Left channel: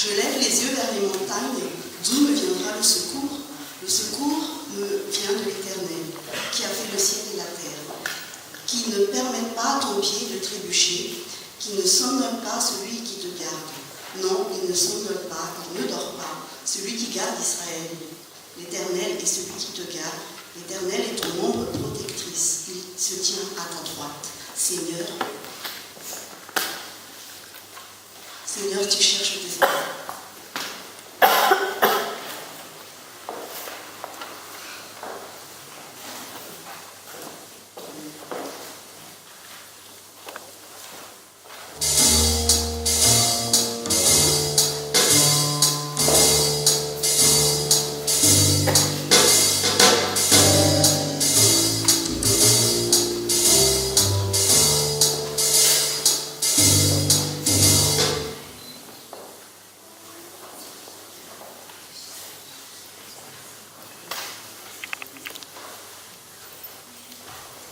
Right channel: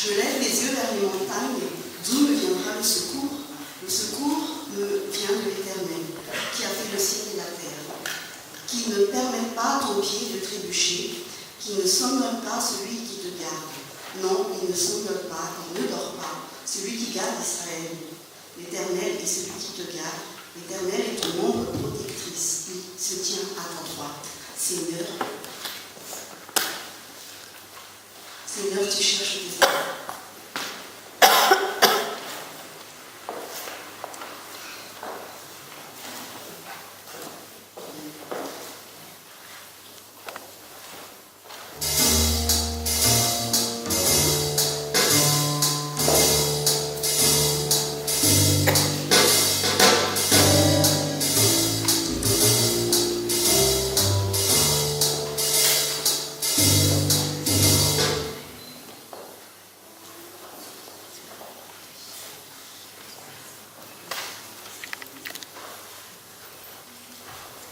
Je lève les yeux vers les montagnes, d'où me viendra le secours? Le secours me vient de l'Éternel, qui a fait le ciel et la terre, qui ne permet pas à ton pied de trébucher, qui ne somnole pas celui qui te garde. Non, il ne somnole pas, il ne dort pas, celui qui garde Israël. L'Éternel est celui qui te garde. L'Éternel est ton ombre protectrice. Il se tient à ta droite. Seigneur, tu cherches